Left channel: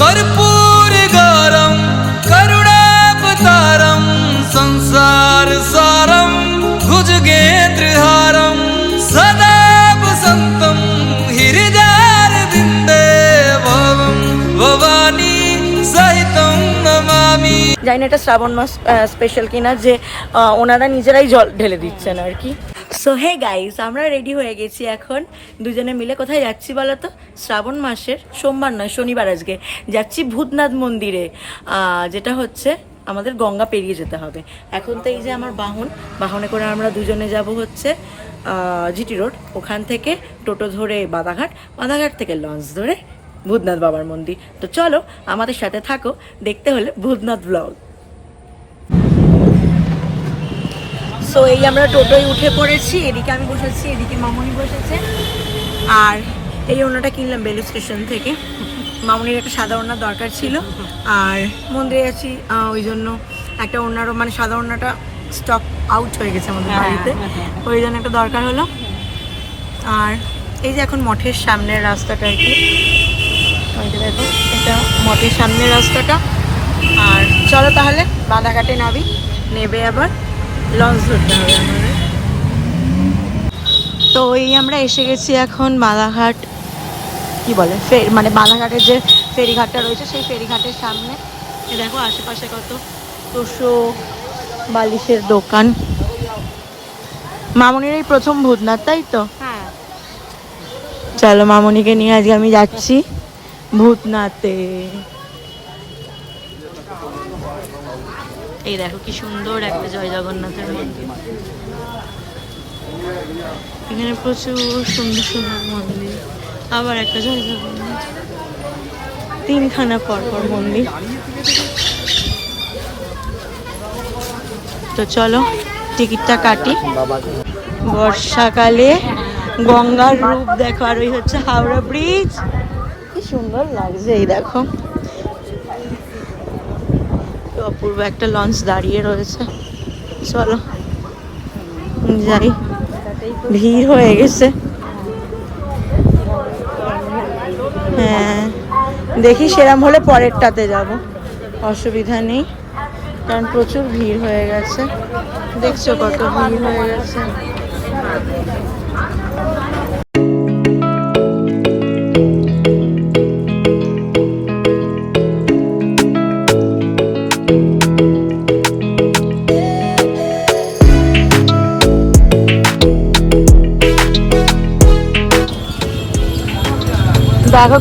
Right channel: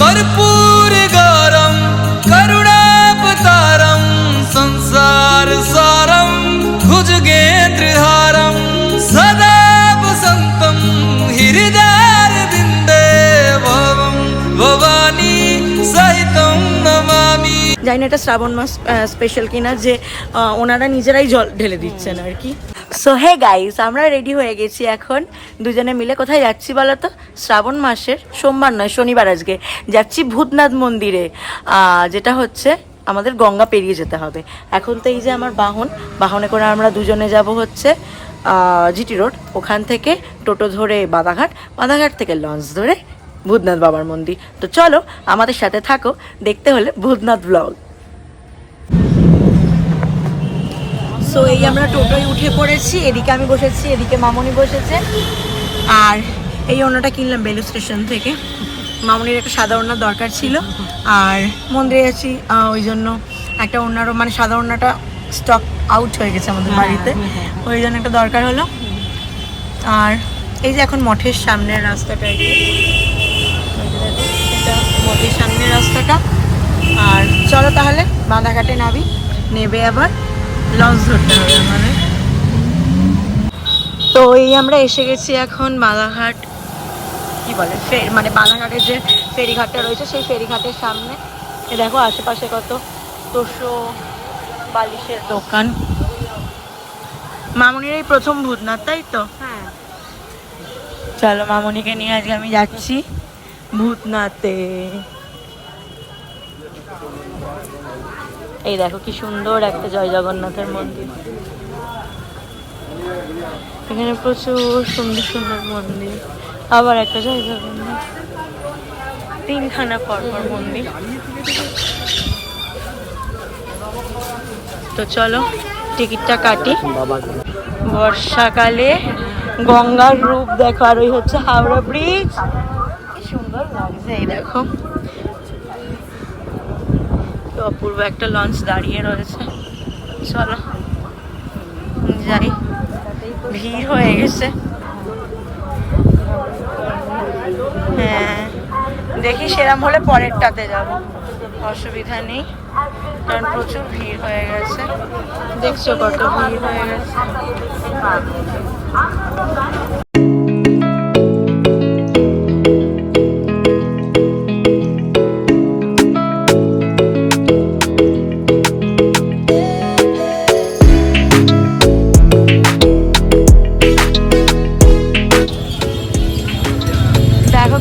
कर्पूर गौरम करुणावतारम संसार सारम भुजगेन्द्रहारम सदा वसंतम हृदयारविंदे भवम भवानी सहितम नमामि। জানি না এটা শ্রাবণ মাস স্পেশাল কিনা যে ওনারা নিজেরাই জল ঢেলে দিচ্ছেন আর কি। সো হে গাইস, আমরা রেডি হয়ে গেছি এখন দুজনে মিলে। কোথায় যাচ্ছি বলো তো? শ্রাবণ মাসের সোমবার নয়, শনিবার আজকে যাচ্ছি ভূতনাথ মন্দিরে, যেটা হচ্ছে আমাদের গঙ্গা পেরিয়ে যেতে হবে। এখন তো এই যে আমার বাহনে করে আমরা দুজনে যাব হচ্ছে জিটি রোড, ওখান থেকে টোটো ধরে বাদাঘাট থেকে লঞ্চ ধরে ভূতনাথ বাবার মন্দির। তো চলো আমাদের সাথে থাকো, দেখতে হলে ভূতনাথ ব্লগ। সো এই আমরা টোটোয় উঠে পড়েছি, এদিকে আমি বসেছি, এদিকে মামুনি বসেছে। আর এই ওড়নাটা কিনলাম বেলু স্টেশন থেকে, মামুনির একটা সাদা ওড়না দরকার ছিল, আর মন্দিরে আছি ওই জন্য একটা ওড়নারও মানে সাদা ওড়নাটা স্টক আউট হয়ে গেছে আমাদের বাড়িতে, ওই জন্য একটা দরকার হলো। আর এই যে এখন মঠের সামনের রাস্তাটা, মঠের সামনের রাস্তাটা। আর চলো তাহলে বাঁধাঘাটে নাবি, নেবে আবার লঞ্চ ধরতে হবে আমাদের। তো এই আমরা এসে গেছি এখন বাঁধাঘাট, কি বলে মানে বাঁধাঘাটের যে ফেরিঘাটটা রয়েছে সেই ফেরিঘাটের সামনে। এ দেখো আশেপাশে কত তোষো বালিশের দোকান। মামুনির এই প্রথম ভূতনাথ, তাই তো? হ্যাঁ। চলো মামুনিকে নিয়ে আজকে আমি যাচ্ছি ভূতনাথে। এই দেখো কি সুন্দর একটা জয় জগন্নাথের মন্দির, এখানে প্রচুর সুন্দর সুন্দর মন্দির। আবার একটা জয় জগন্নাথ, তিনখানা পরপর মন্দির। তো চলো টিকিটটা কাটি। বর্ষাকালে গঙ্গার রূপ দেখো, আর ওই হচ্ছে হাওড়া ব্রিজ, কি সুন্দর লাগছে। এই দেখো অপূর্ব একটা লঞ্চ দাঁড়িয়ে রয়েছে। চলো যাই, ভিড় হয়ে গেছে। হ্যাঁ দেখি সেরম হলে পরেরটাতে যাব, অসুবিধা নেই, কারণ প্রচুর ভিড় হয়ে গেছে। দেখছো কত ভিড় হয়ে গেছে।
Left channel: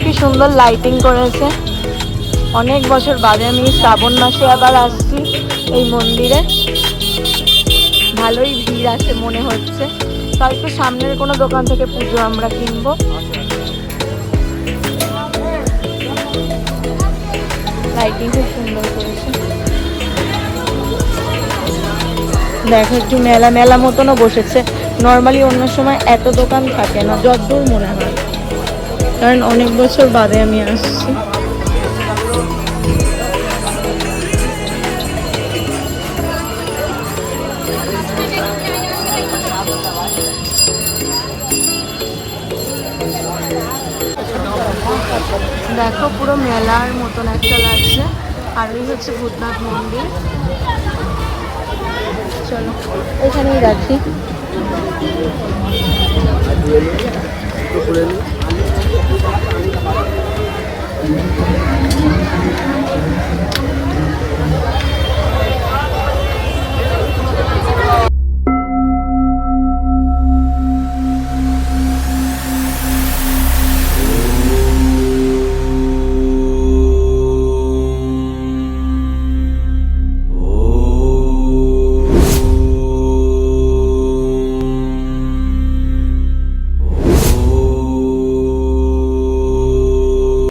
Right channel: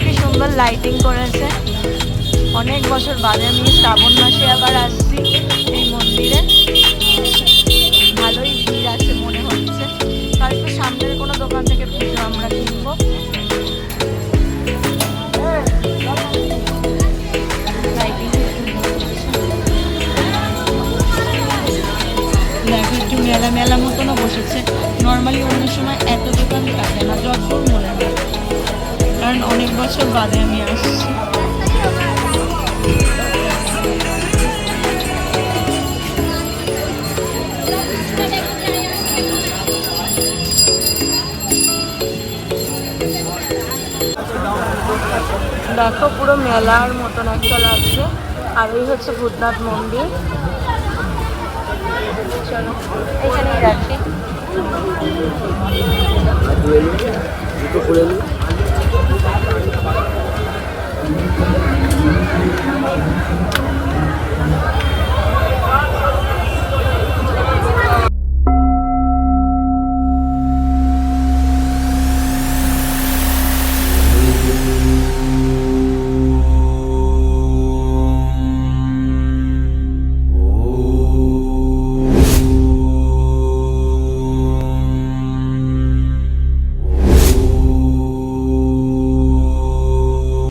কি সুন্দর লাইটিং করেছে। অনেক বছর বাদে আমি শ্রাবণ মাসে আবার আসছি এই মন্দিরে, ভালোই ভিড় আছে মনে হচ্ছে। তাই তো সামনের কোনো দোকান থেকে পুজো আমরা কিনবো। লাইটিং খুব সুন্দর করেছে। দেখো একটু মেলা মেলা মতনও বসেছে। নর্মালি অন্য সময় এত দোকান থাকে না, যতদূর মনে হয়, কারণ অনেক বছর বাদে আমি আসছি। দেখো পুরো মেলার মতন একটা লাগছে। আর এই হচ্ছে ভূতনাথ মন্দির। চলো এখানেই রাখি।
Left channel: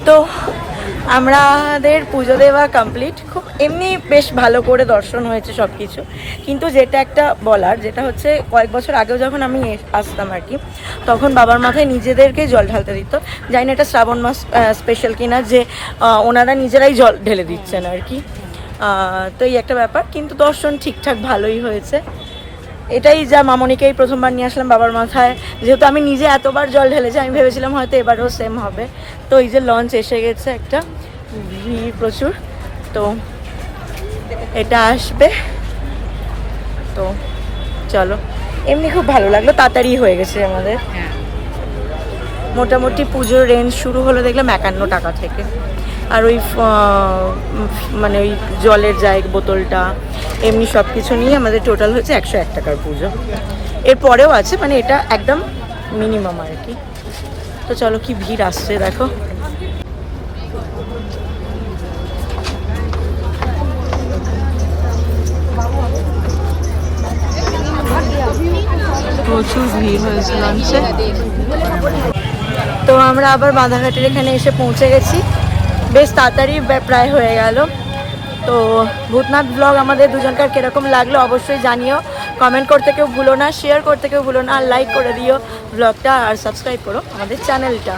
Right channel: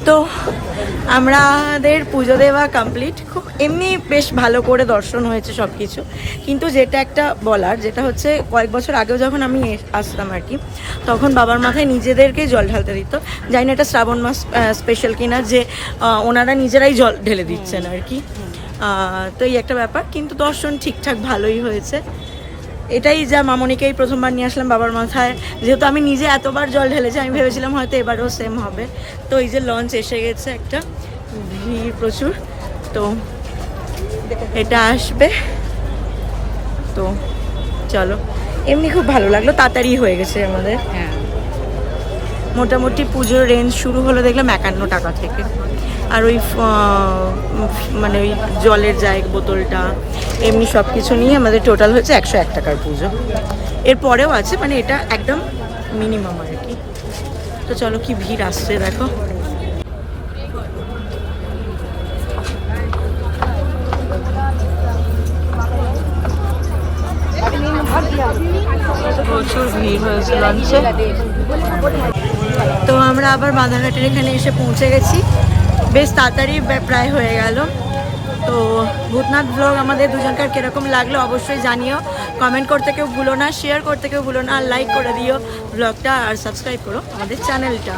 তো আমাদের পুজো দেওয়া কমপ্লিট, খুব এমনি বেশ ভালো করে দর্শন হয়েছে সব কিছু। কিন্তু যেটা একটা বলার, যেটা হচ্ছে কয়েক বছর আগেও যখন আমি আসতাম আর কি, তখন বাবার মাথায় নিজেদেরকেই জল ঢালতে দিত। জানি না এটা শ্রাবণ মাস স্পেশাল কিনা যে ওনারা নিজেরাই জল ঢেলে দিচ্ছেন আর কি। তো এই একটা ব্যাপার, কিন্তু দর্শন ঠিকঠাক ভালোই হয়েছে। এটাই যা মামনিকেই প্রথমবার নিয়ে আসলাম বাবার মাথায়, যেহেতু আমি নিজে এতবার জল ঢেলেছি, আমি ভেবেছিলাম হয়তো এবারেও সেম হবে। তো এই যে লঞ্চ এসে গেছে একটা, ভিড় প্রচুর। তো এটা আসবে, তো চলো। এমনি খুব ভালো লাগলো, তাড়াতাড়ি হয়ে গেছে আমাদের। মোটামুটি পুজোর রেঞ্জ শুরু হলো দেখলাম 51 টাকা থেকে। আর ওই মানে ওই জলের জায়গা বোতলটা এমনি সব কিছু নিয়ে আমাদের টোটাল হচ্ছে 101 টাকার পুজো। এরপরেও আছে, মানে এটা একদম মিনিমাম আর কি। তো চলো, কি ভিড় আসছে দেখো। প্রচুর ভিড় হয়েছে লঞ্চে। তো আমরা আবার বাঁধাঘাটের এখানে এসে পৌঁছে গেছি, বেশ তাড়াতাড়ি প্রায় হয়ে গেল। তো ভূতনাথ ব্লগ আমাদের দুজনকার কিরকম লাগলো অবশ্যই জানিও, কমেন্ট করতে কেউ ভুলো না, শেয়ার করতে কেউ ভুলো না, আর লাইক করে দিও ব্লগটা, আর সাবস্ক্রাইব করো আমাদের চ্যানেলটা।